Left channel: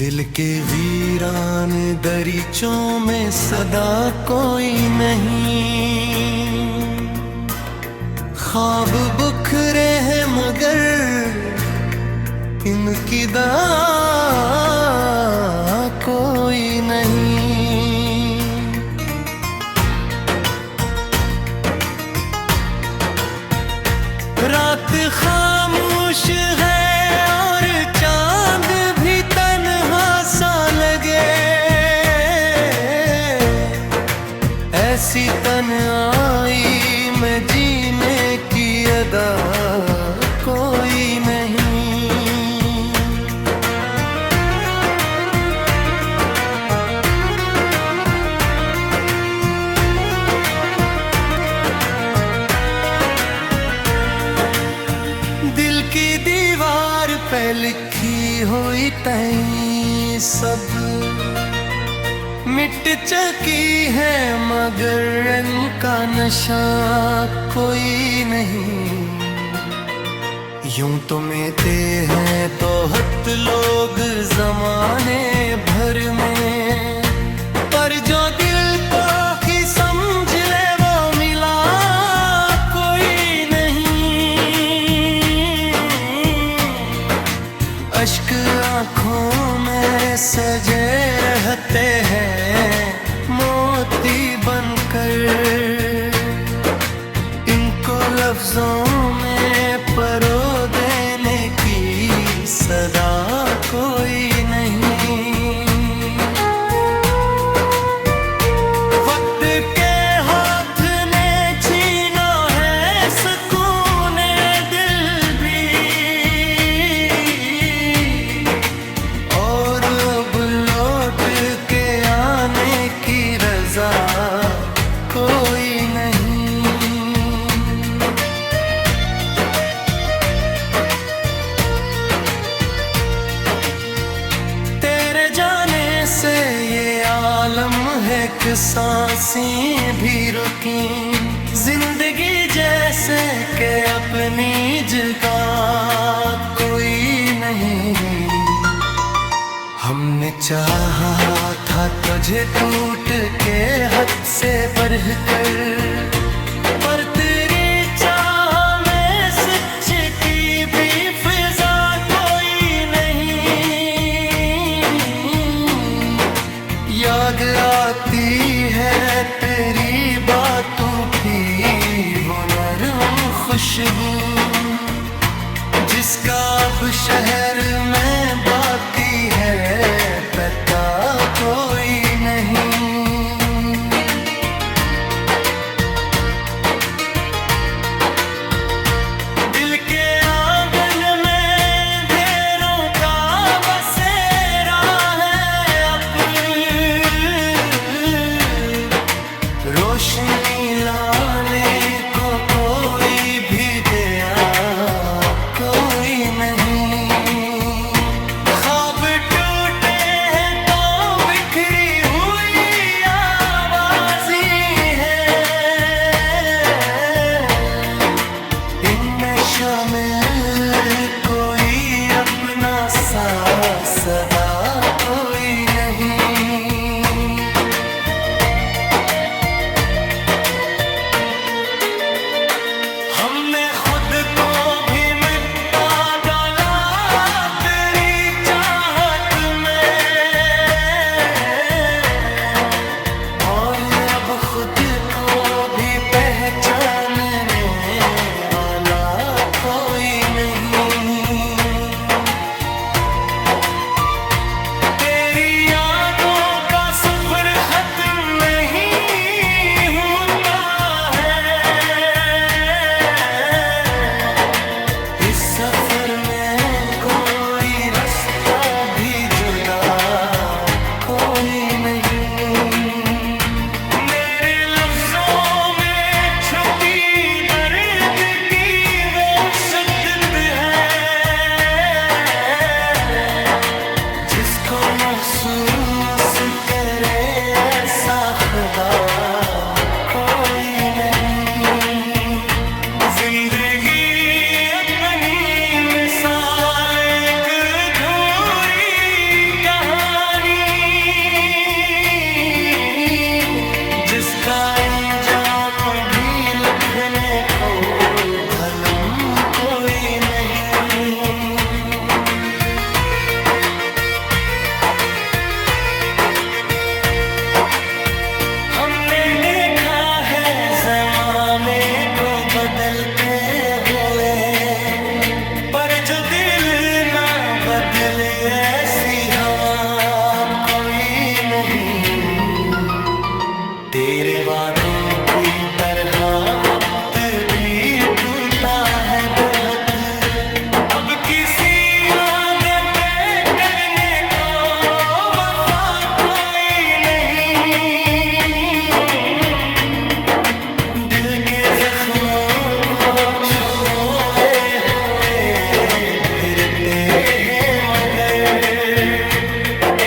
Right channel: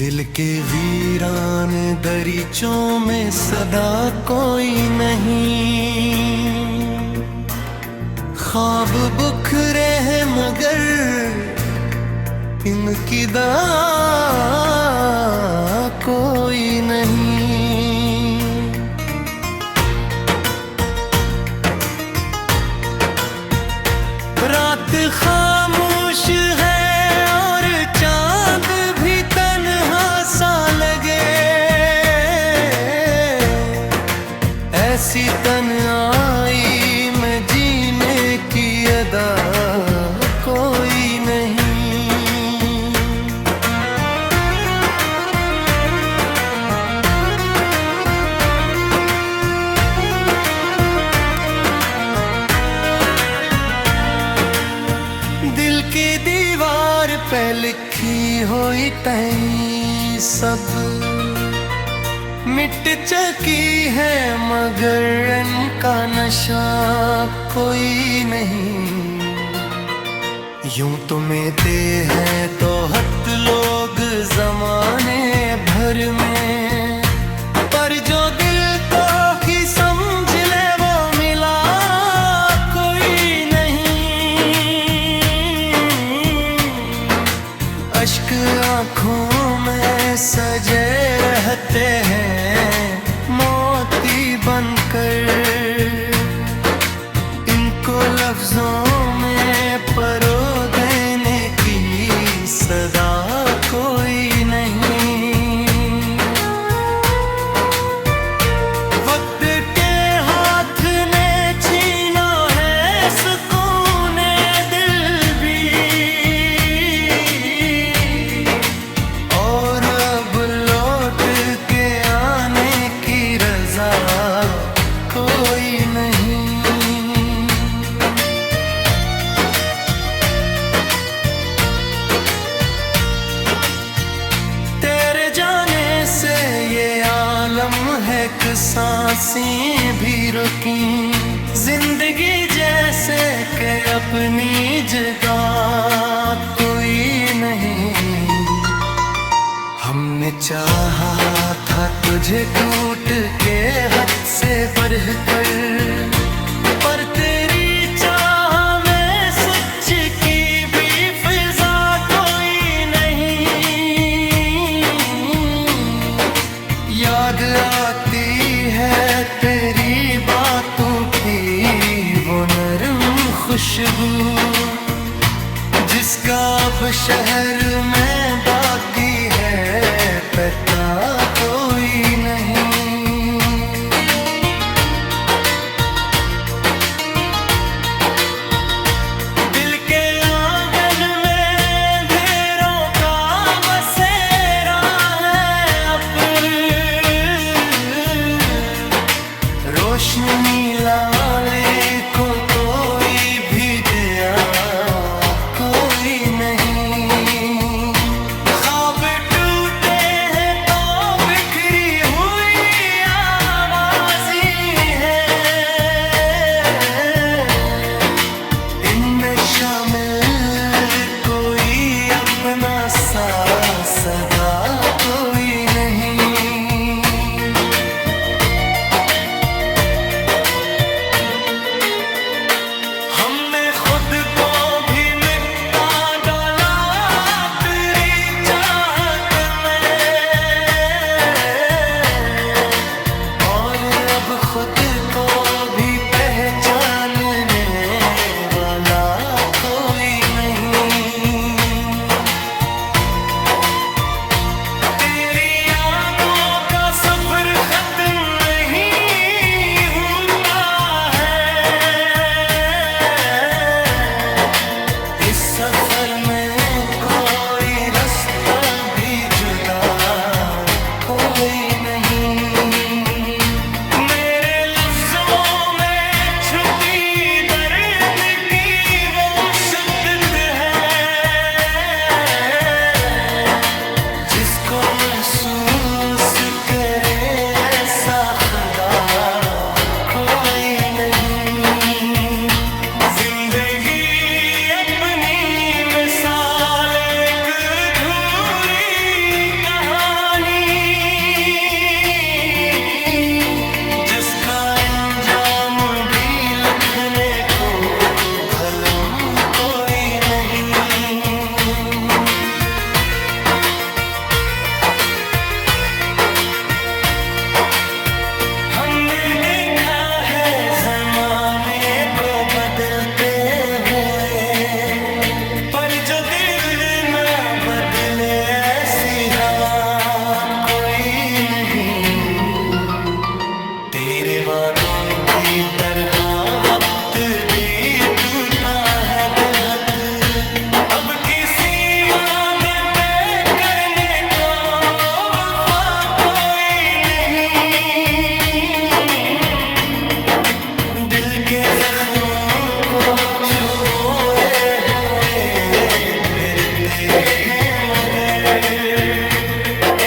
दिल के वीरान दरीचों में सदा कोई नहीं। ख्वाब बुखरे हैं मगर इनकी दवा कोई नहीं। रात खामोश है और चांद भी तन्हा सा लगे, ऐसी तन्हाई में जीने की अदा कोई नहीं। दिल की दीवार पे लिखी हुई तय सब मिट चुकी है, मगर इनका नशा कोई नहीं। यूं तो मिलते हैं तो हद लोग जमाने भर में, पर जो दिल को ही समझ ले वो मिला कोई नहीं। अश्क आँखों में सजे रहते हैं मोती बनकर, इनको लफ्जों में परो देने की सदा कोई नहीं। वक्त के हाथ ने छीना है सुकूने दिल भी, और अब लौट के आने की रजा कोई नहीं। तेरे जाने से ये आलम है कि सांसें भी रुकी, जिंदगी जैसे के अपनी जगह कोई नहीं। हमने चाहा था तुझे टूट के हद से बढ़कर, पर तेरी चाह में सच की भी फिजा कोई नहीं। याद आती है तेरी बातों की वो नरम खुशबू, जिसका अब शहर में बाकी है पता कोई नहीं। दिल के आंगन में ढेरों का बसेरा है अब, रोशनी लाले को कोई भी दिया कोई नहीं। ख्वाब टूटे हैं तो बिखरी हुई आवाज़ी है, इनमें शामिल कोई अपना सा सदा कोई नहीं। हमने खुद को भी मिटा डाला तेरी चाहत में, और अब खुद को भी पहचानने वाला कोई नहीं। तेरी यादों का सफर खत्म नहीं होता है, इस सफर में कोई रास्ता भी जुदा कोई नहीं। मेरे लफ्जों में छुपी दर्द की वो शिद्दत है, जिसको महसूस करे ऐसा खुदा कोई नहीं। जिंदगी अपनी मिसाल एक धूरी कहानी का इंजाम भी लिखने को कलम कोई नहीं। हमने देखा है जमाने को बदलते हुए, पर जो दिल ना बदले ऐसी हवा कोई नहीं। तेरे वादों की तरह वक्त भी टूटा है बेहद, अब किसी वादे पे करने को वफा कोई नहीं। दिल के जख्मों को छुपोए हुए फिरते हैं, मगर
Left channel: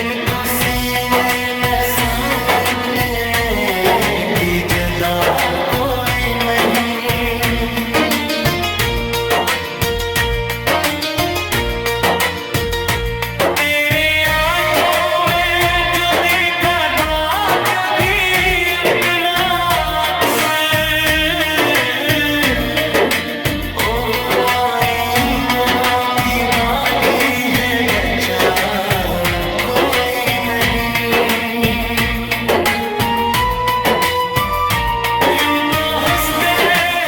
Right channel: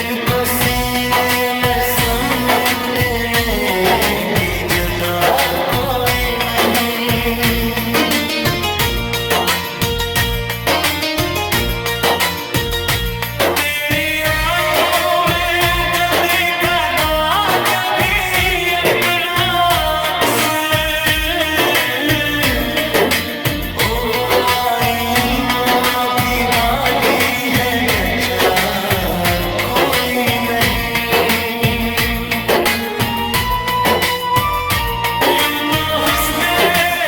इनको सीने में समेटने की जदा कोई नहीं। तेरी आंखों में जो देखा था कभी अपना अक्स, ओहो आई माँ की बाती है बच्चा कोई नहीं। यूं तो हंसते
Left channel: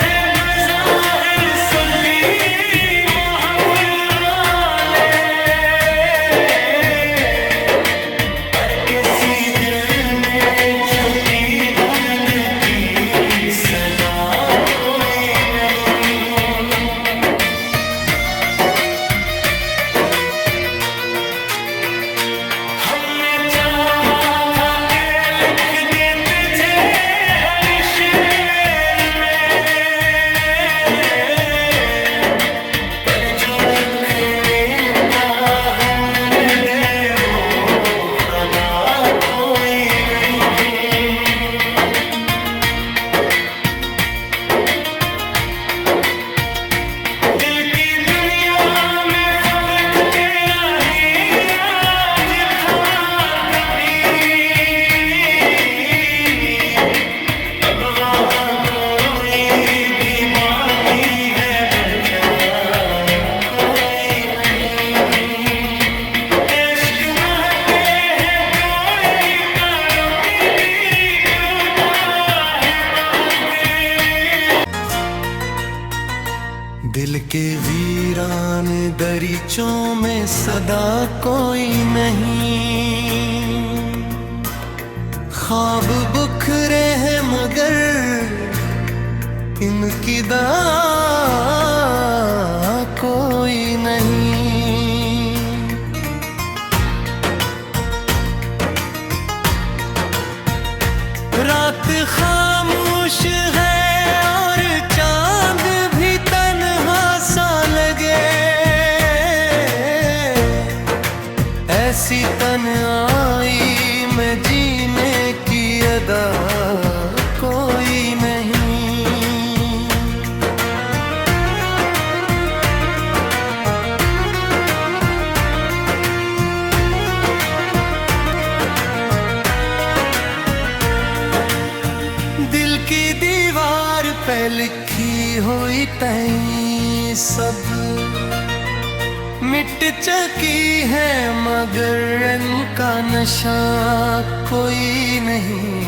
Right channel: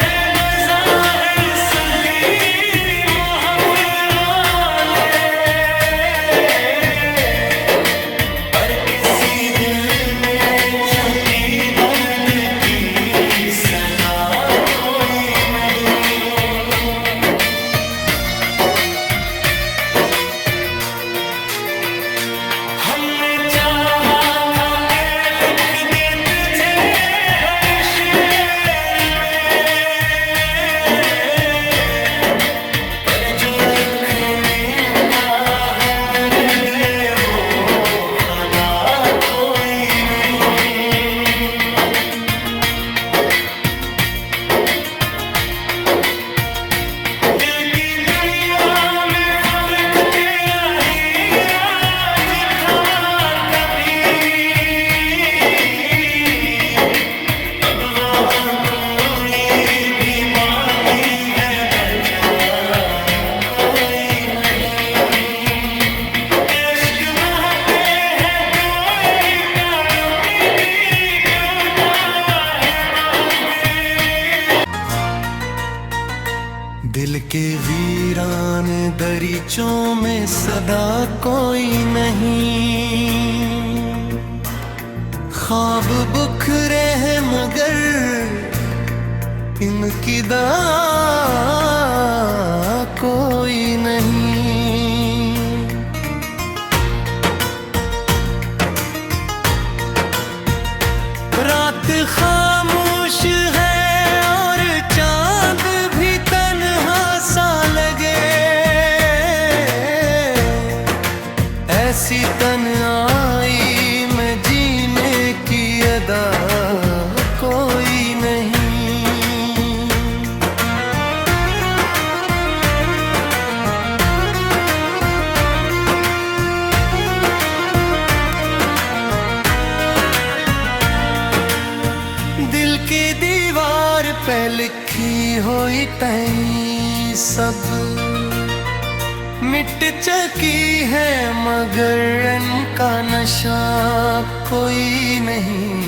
हैं बज़ाहिर सभी महफिल वाले, पर किसी दिल में छुपी दर्द की सदा कोई नहीं। हमने चाहा था कि लिख दे तुझे हर शेर में, पर जो लिखने का हुनर दे वो खुदा कोई नहीं। दिल की दुनिया में फर्क तेरा ही राज था कभी, अब वहाँ कोई भी बागी है बचा कोई नहीं। इश्क बहते हैं कोई कानों की भी टूटा है बहके। दिल के वीरान दरीचों में सदा कोई नहीं। ख्वाब बुखरे हैं मगर इनकी दवा कोई नहीं। रात खामोश है और चांद भी तन्हा सा लगे, ऐसी तन्हाई में जीने की अदा कोई नहीं। दिल की दीवार पे लिखी हुई तई सब मिट चुकी है, मगर इनका नशा कोई नहीं।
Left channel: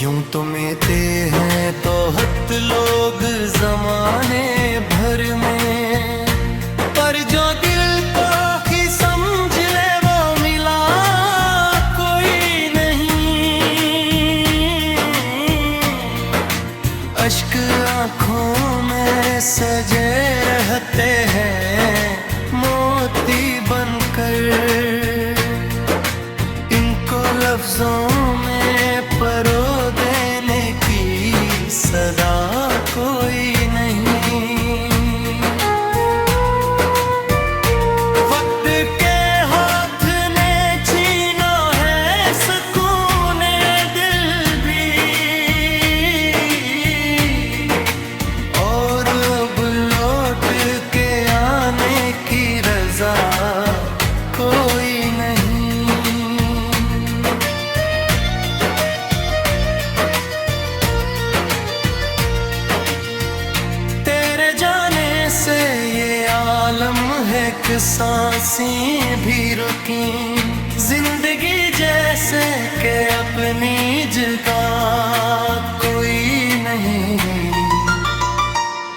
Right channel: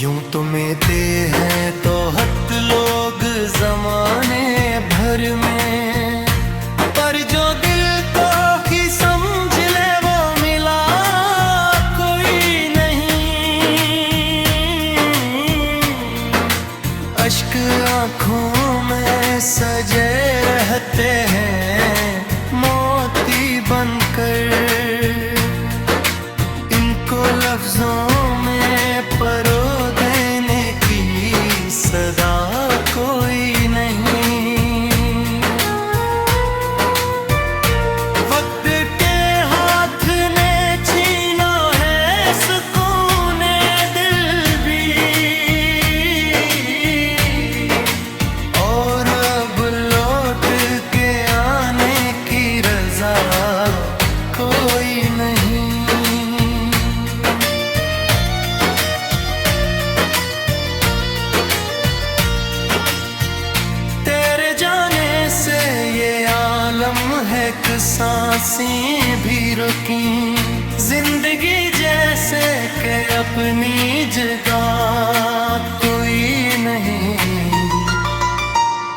यूं तो मिलते हैं तो हद लोग जमाने भर में, पर जो दिल को ही समझ ले वो मिला कोई नहीं। अश्क आँखों में सजे रहते हैं मोती बनकर, इनको लफ्जों में परो देने की सदा कोई नहीं। वक्त के हाथ ने छीना है सुकून दिल भी, और अब लौट के आने की रजा कोई नहीं। लम्हे के सांसें भी रुकी, जिंदगी जैसे के अपनी जगह कोई नहीं।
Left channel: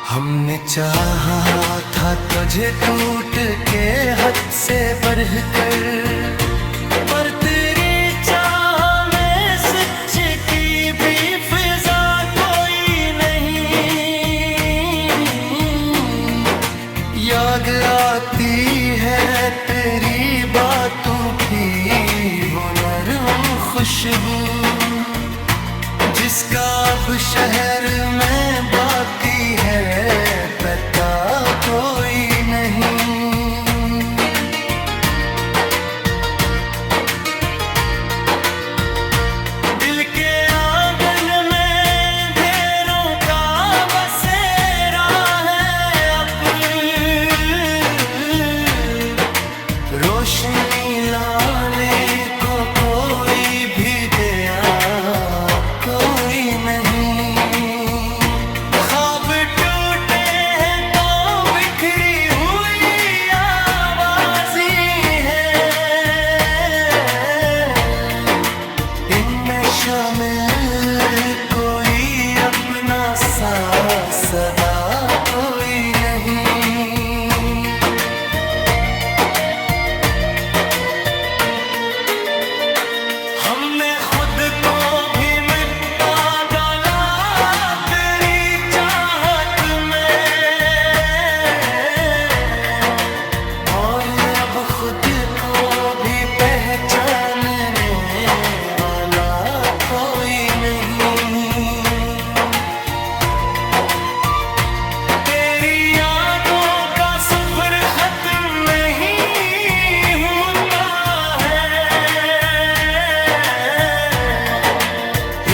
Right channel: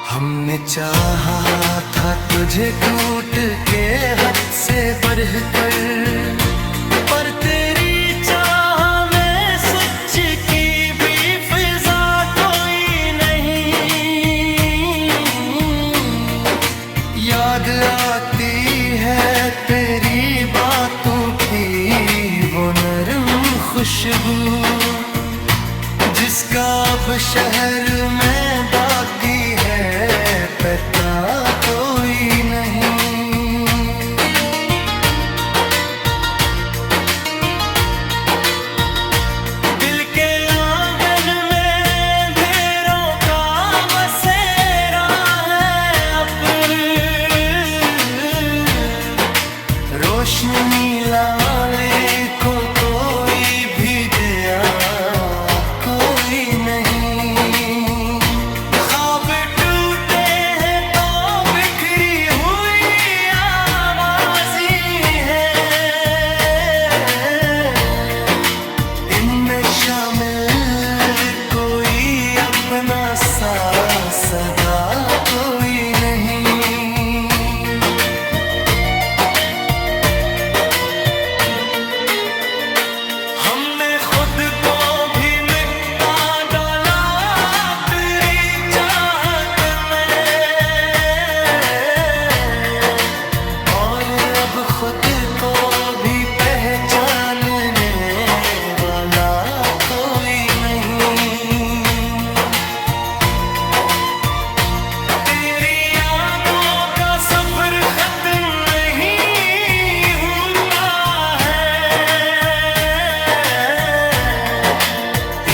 हमने चाहा था तुझे टूट के हद से बढ़कर, पर तेरी चाह में सच की भी फिजा कोई नहीं। याद आती है तेरी बातों की वो नरम खुशबू, जिसका अब शहर में बाकी है पता कोई नहीं। दिल के आंगन में ढेरों का बसेरा है अब, रोशनी लाले को कोई भी दिया कोई नहीं। ख्वाब टूटे हैं तो बिखरी हुई आवाज़ी है, इनमें शामिल कोई अपना सा सदा कोई नहीं। हमने खुद को भी मिटा डाला तेरी चाहत में, और अब खुद को भी पहचानने वाला कोई नहीं। तेरी यादों का सफर खत्म नहीं होता है,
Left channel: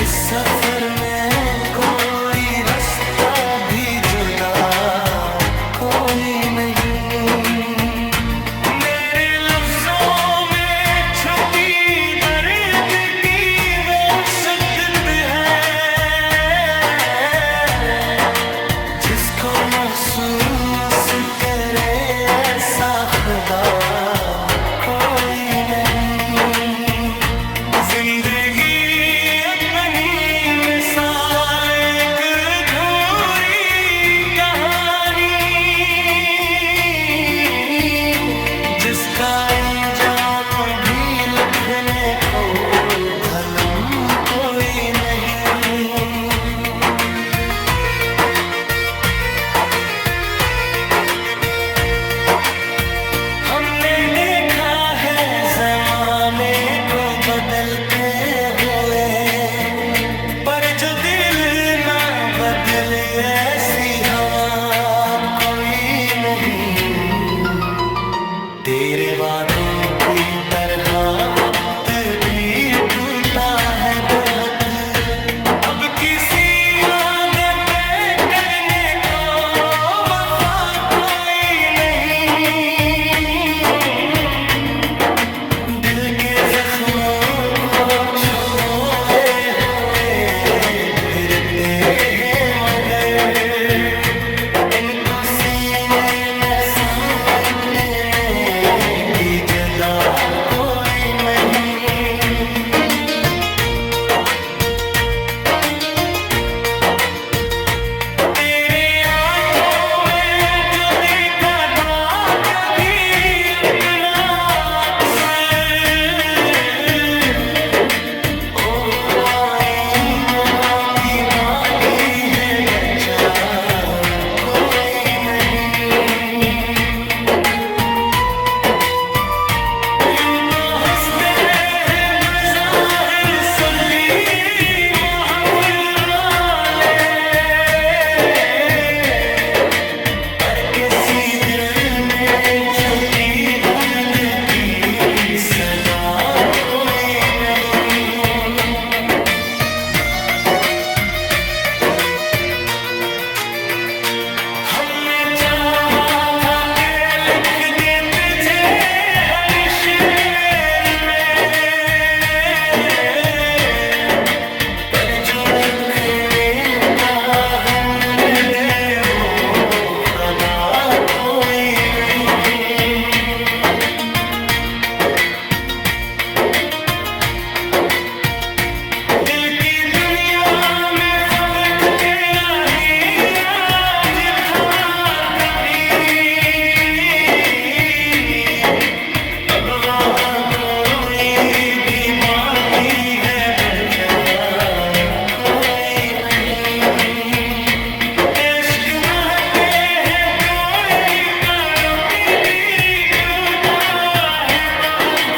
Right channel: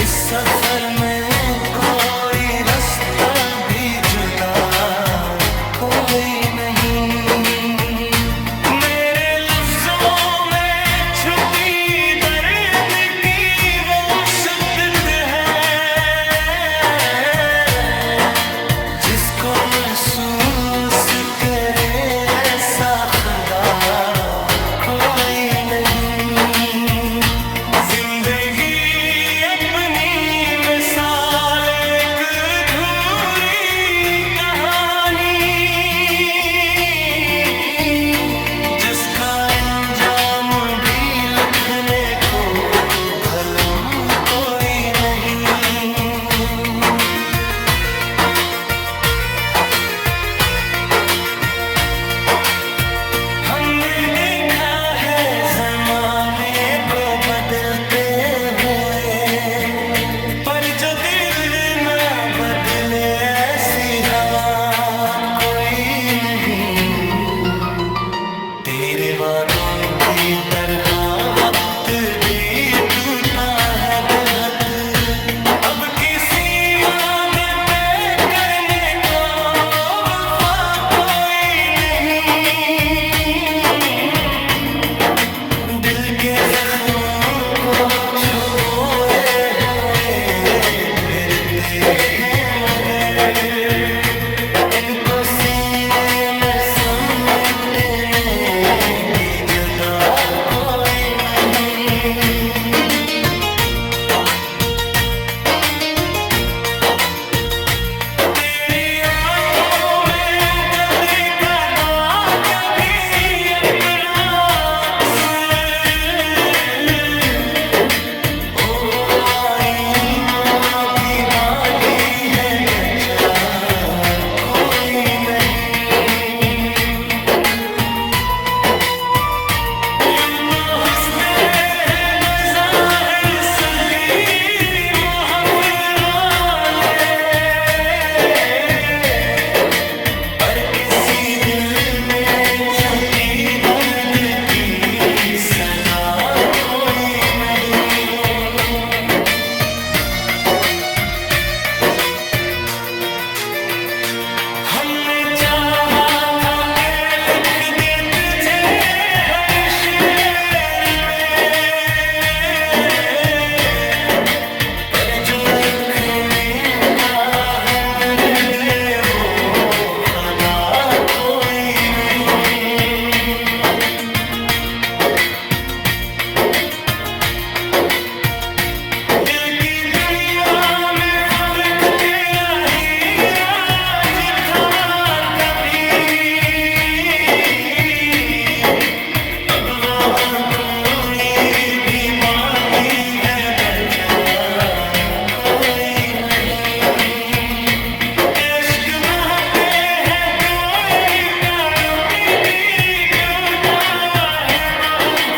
इस सफर में कोई रास्ता भी जुदा कोई नहीं। मेरे लफ्जों में छुपी दर्द की वो शिद्दत है, जिसको महसूस करे ऐसा खुदा कोई नहीं। जिंदगी अपनी मिसाल एक अधूरी कहानी, जिसका अंजाम भी लिखने को कलम कोई नहीं। हमने देखा है जमाने को बदलते हुए, पर जो दिल ना बदले ऐसी हवा कोई नहीं। तेरे वादों की तरह वक्त भी टूटा है बेहद, अब किसी वादे पे करने को वफा कोई नहीं। दिल के जख्मों को छुपोए हुए फिरते हैं मगर, इनको सीने में समेटने की जदा कोई नहीं। तेरी आंखों में जो देखा था कभी अपना अक्स, ओहो आई माँ भी बाटी है बचा कोई नहीं। यूं तो हंसते हैं बज़ाहिर सभी महफिल वाले, पर किसी दिल में छुपी दर्द की सदा कोई नहीं। हमने चाहा था कि लिख दे तुझे हर शेर में, पर जो लिखने का हुनर दे वो खुदा कोई नहीं। दिल की दुनिया में फर्क तेरा ही राज था कभी, अब वहाँ कोई भी बागी है बचा कोई नहीं। इश्क बहते हैं कोई कानों की भी टूटा है बहुत।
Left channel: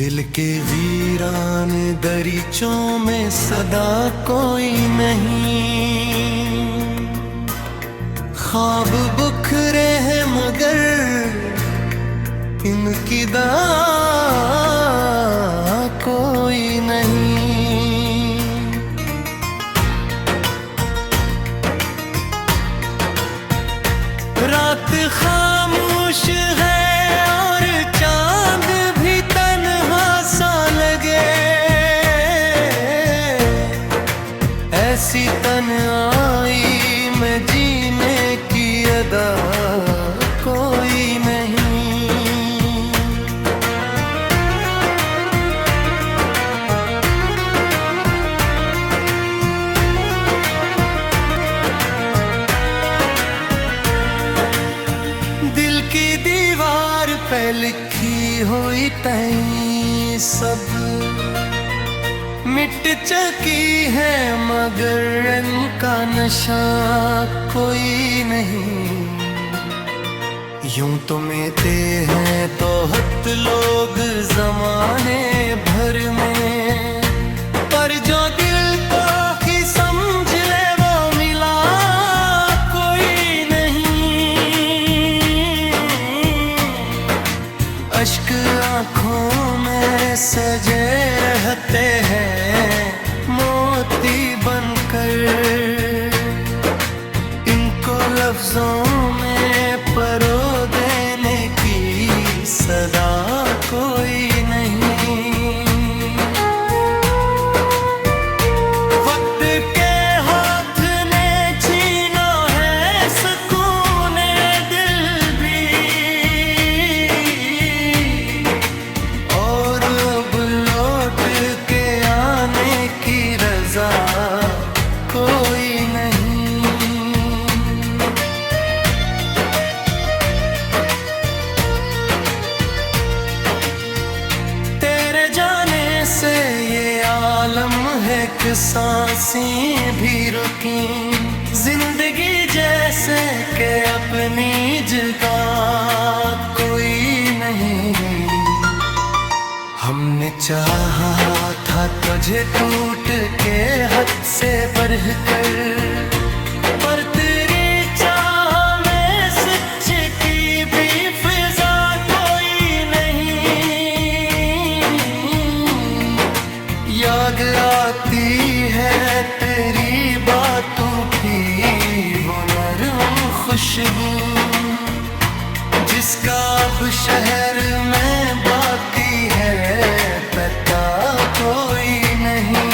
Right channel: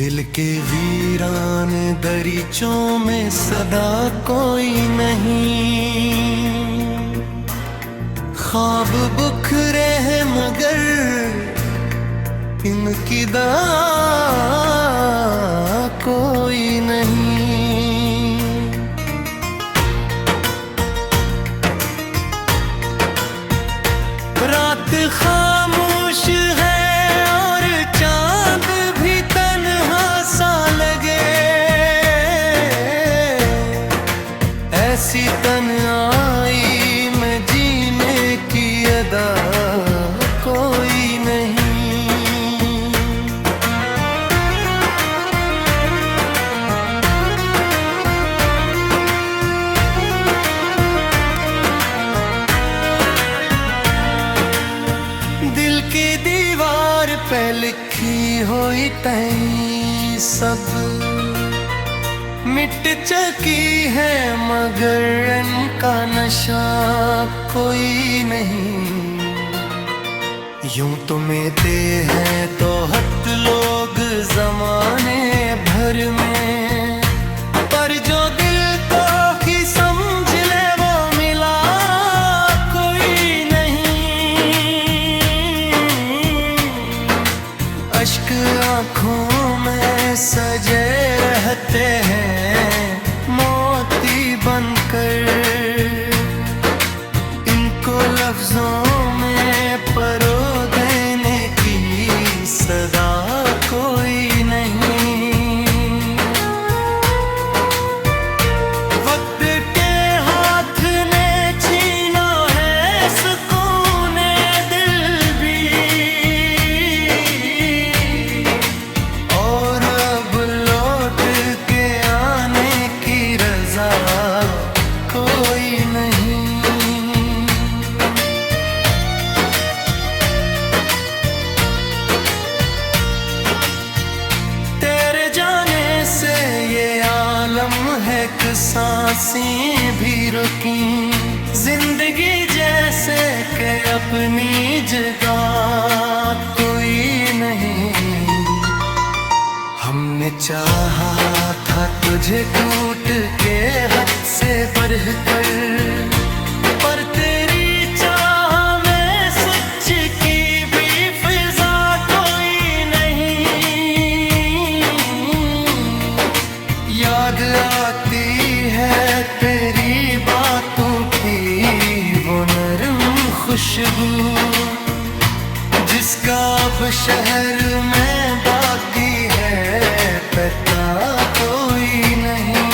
दिल के वीरान दरीचों में सदा कोई नहीं। ख्वाब बुखरे हैं मगर इनकी दवा कोई नहीं। रात खामोश है और चांद भी तन्हा सा लगे, ऐसी तन्हाई में जीने की अदा कोई नहीं। दिल की दीवार पे लिखी हुई तई सब मिट चुकी है मगर इनका नशा कोई नहीं। यूं तो मिलते हैं तो हद लोग जमाने भर में, पर जो दिल को ही समझ ले वो मिला कोई नहीं। अश्क आँखों में सजे रहते हैं मोती बनकर, इनको लफ्जों में परो देने की सदा कोई नहीं। वक्त के हाथ ने छीना है सुकून दिल भी, और अब लौट के आने की रजा कोई नहीं। तेरे जाने से ये आलम है कि सांसें भी रुकी, जिंदगी जैसे के अपनी जगह कोई नहीं। हमने चाहा था तुझे टूट के हद से बढ़कर, पर तेरी चाह में सच की भी फिजा कोई नहीं। याद आती है तेरी बातों की वो नरम खुशबू, जिसका अब शहर में बाकी है पता कोई नहीं।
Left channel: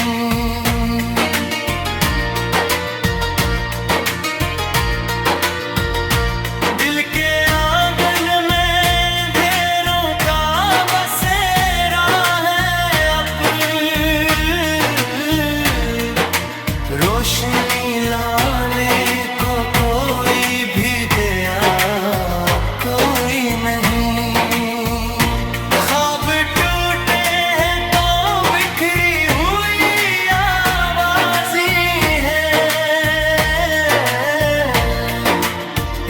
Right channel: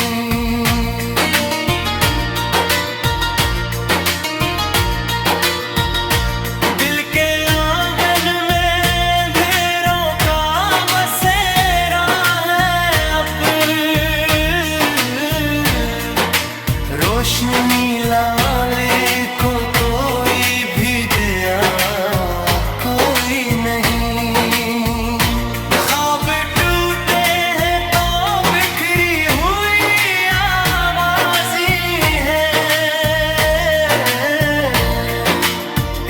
दिल के आंगन में ढेरों का बसेरा है अब, रोशनी लाले को कोई भी दिया कोई नहीं। ख्वाब टूटे हैं तो बिखरी हुई आवाज़ी है,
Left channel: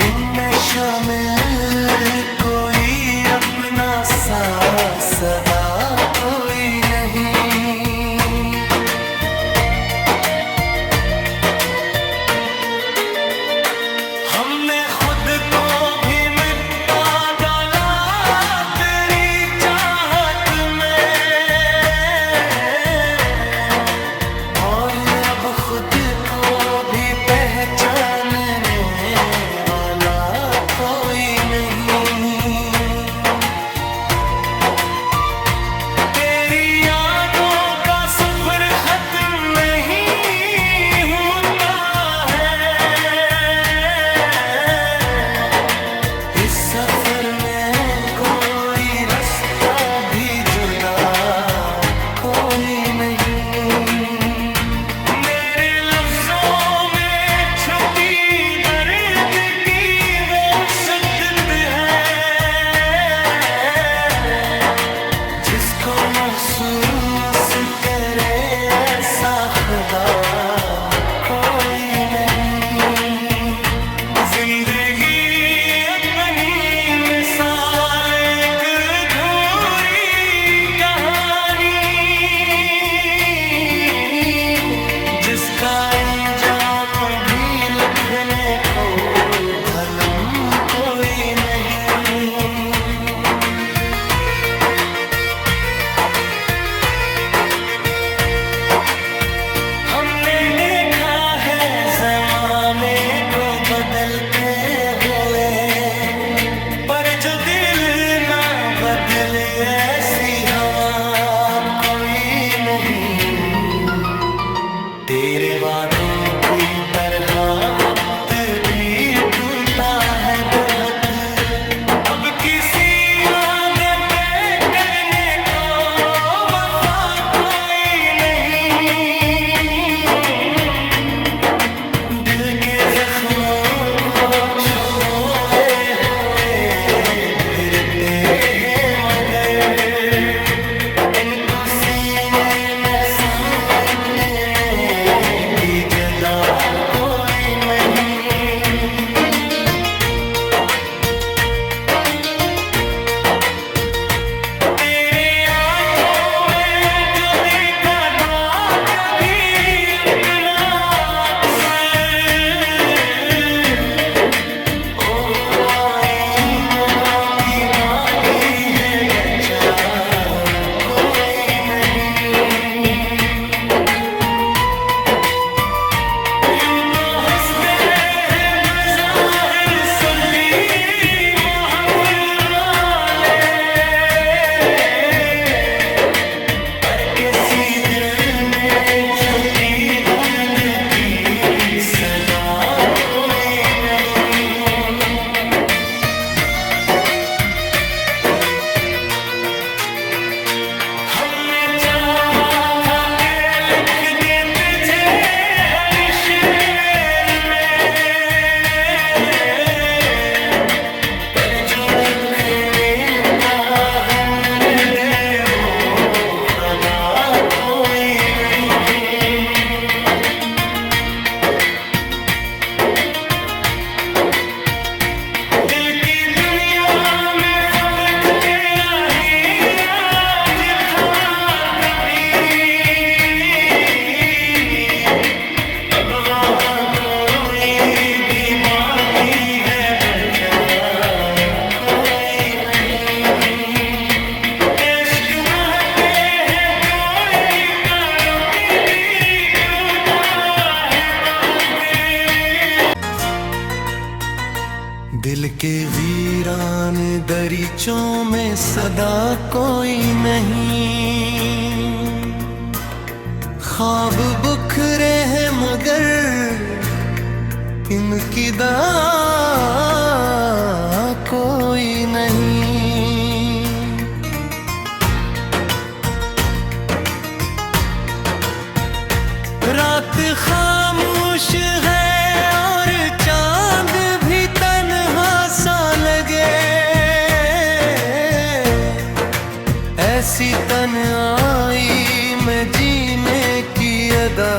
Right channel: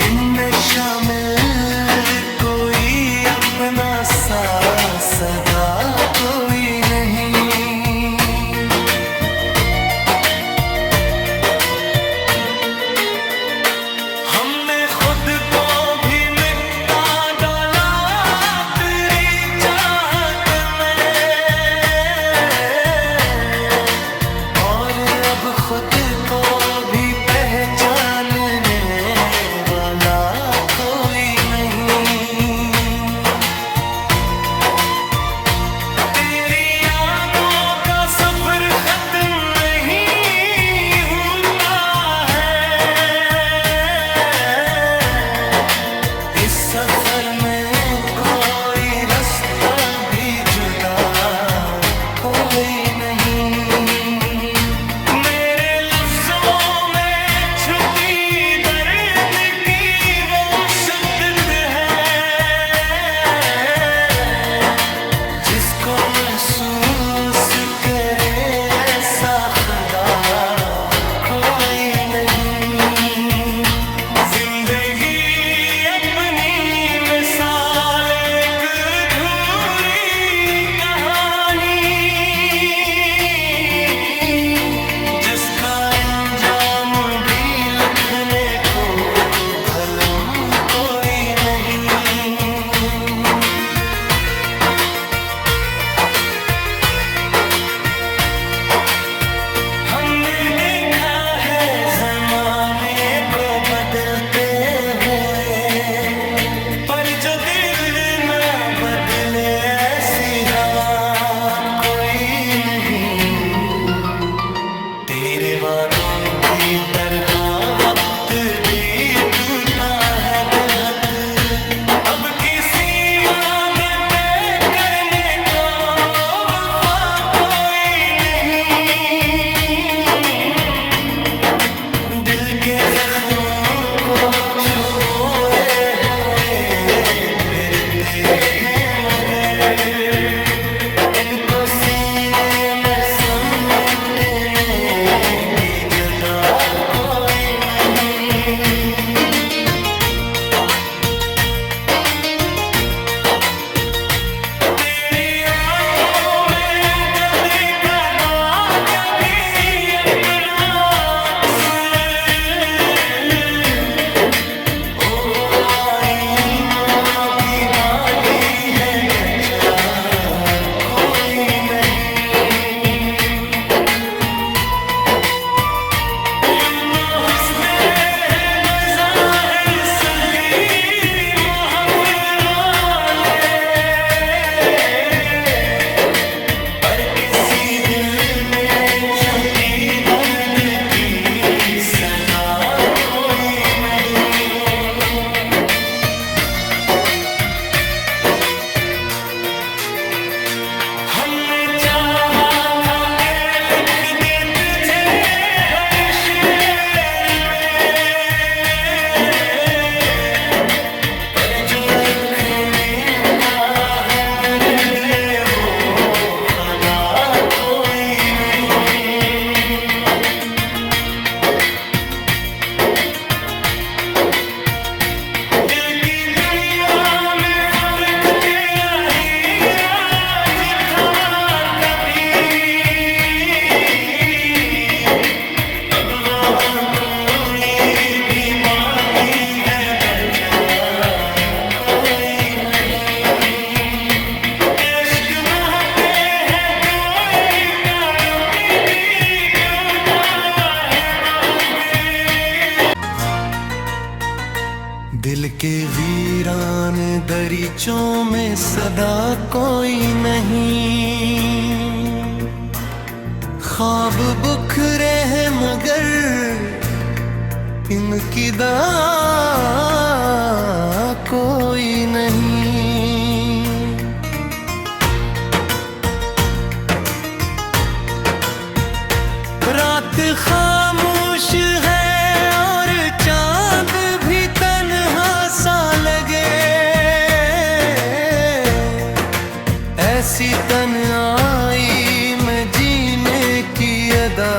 इनमें शामिल कोई अपना सा सदा कोई नहीं। हमने खुद को भी मिटा डाला तेरी चाहत में, और अब खुद को भी पहचानने वाला कोई नहीं। तेरी यादों सफर में कोई रास्ता भी जुदा कोई नहीं। मेरे लफ्जों में छुपी दर्द की वो शिद्दत है जिसको महसूस करे ऐसा खुदा कोई नहीं। जिंदगी अपनी मिसाल एक अधूरी कहानी जिसका अंजाम भी लिखने को कलम कोई नहीं। हमने देखा है जमाने को बदलते हुए, पर जो दिल ना बदले ऐसी हवा कोई नहीं। तेरे वादों की तरह वक्त भी टूटा है बेहद, अब किसी वादे पे करने को वफा कोई नहीं। दिल के जख्मों को छुपोए हुए फिरते हैं मगर इनको सीने में समेटने की जदा कोई नहीं। तेरी आंखों में जो देखा था कभी अपना अक्स, ओ वो आईना भी बाकी है बचा कोई नहीं। यूं तो हंसते हैं बज़ाहिर सभी महफिल वाले, पर किसी दिल में छुपी दर्द की सदा कोई नहीं। हमने चाहा था कि लिख दे तुझे हर शेर में, पर जो लिखने का हुनर दे वो खुदा कोई नहीं। दिल की दुनिया में फर्क तेरा ही राज था कभी, अब वहाँ कोई भी बागी है बचा कोई नहीं। इश्क बहते हैं तो कानों की भी क्यों है बहके। दिल के वीरान दरीचों में सदा कोई नहीं। ख्वाब बुखरे हैं मगर इनकी दवा कोई नहीं। रात खामोश है और चांद भी तन्हा सा लगे, ऐसी तन्हाई में जीने की अदा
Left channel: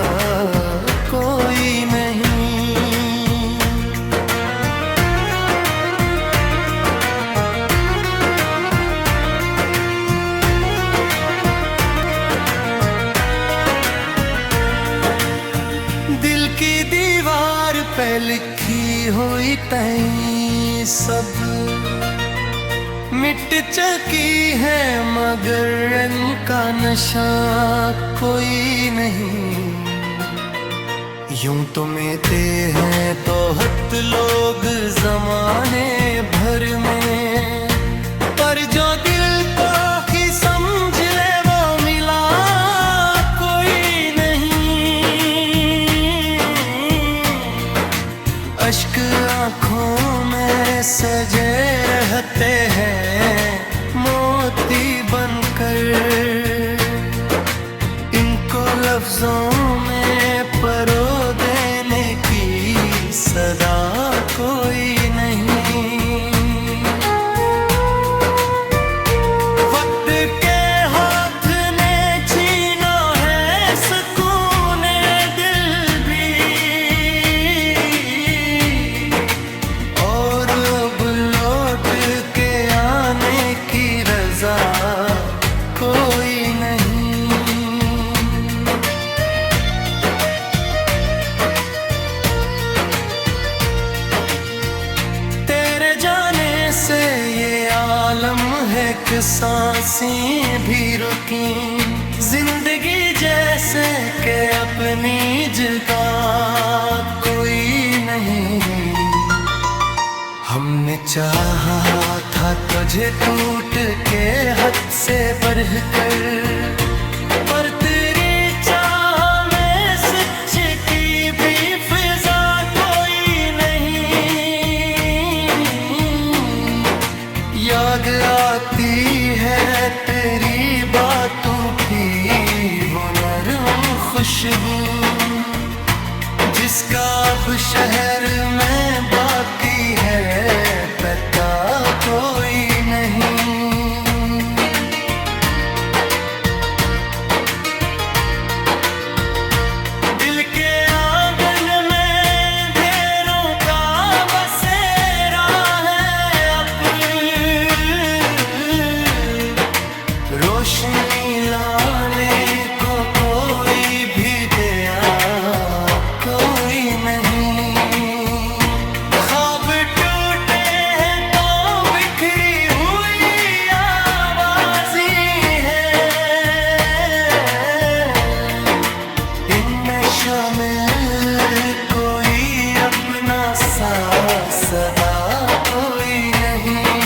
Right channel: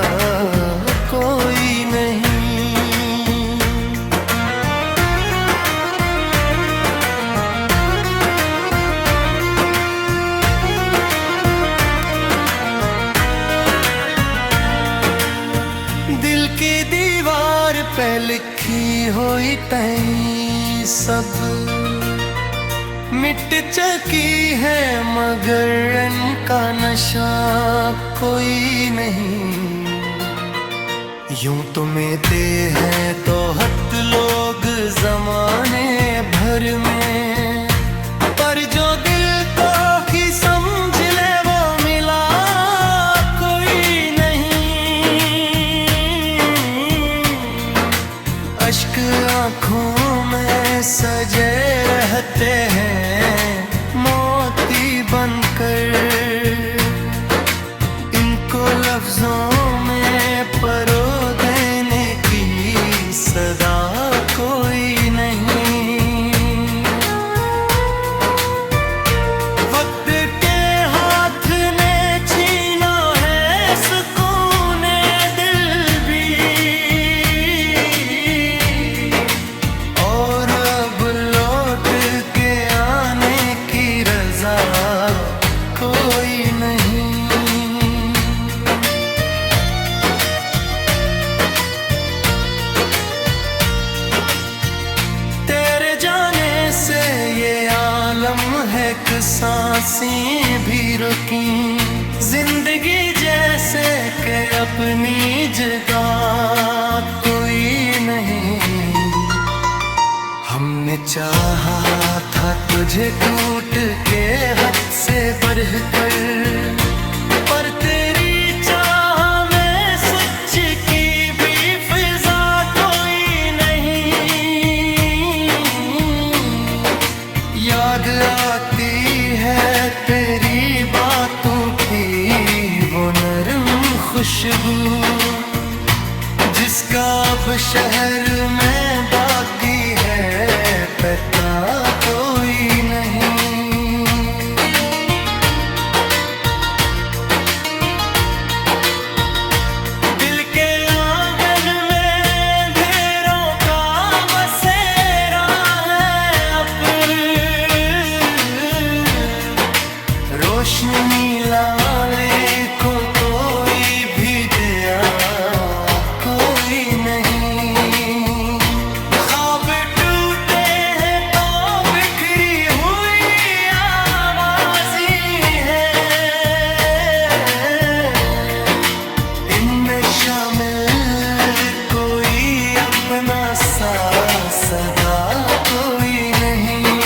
कोई नहीं। दिल की दीवार पे लिखी हुई तई सब मिट चुकी है मगर इनका नशा कोई नहीं। यूं तो मिलते हैं तो हद लोग जमाने भर में, पर जो दिल को ही समझ ले वो मिला कोई नहीं। अश्क आंखों में सजे रहते हैं मोती बनकर, इनको लफ्जों में परो देने की सदा कोई नहीं। वक्त के हाथ ने छीना है सुकून दिल भी, और अब लौट के आने की रजा कोई नहीं। तेरे जाने से ये आलम है कि सांसें भी रुकी, जिंदगी जैसे के अपनी जगह कोई नहीं। हमने चाहा था तुझे टूट के हद से बढ़कर, पर तेरी चाह में सच की भी फिजा कोई नहीं। याद आती है तेरी बातों की वो नरम खुशबू, जिसका अब शहर में बाकी है पता कोई नहीं। दिल के आंगन में ढेरों का बसेरा है अब, रोशनी लाले को कोई भी दिया कोई नहीं। ख्वाब टूटे हैं तो बिखरी हुई आवाज़ी है, इनमें शामिल कोई अपना सा सदा कोई नहीं।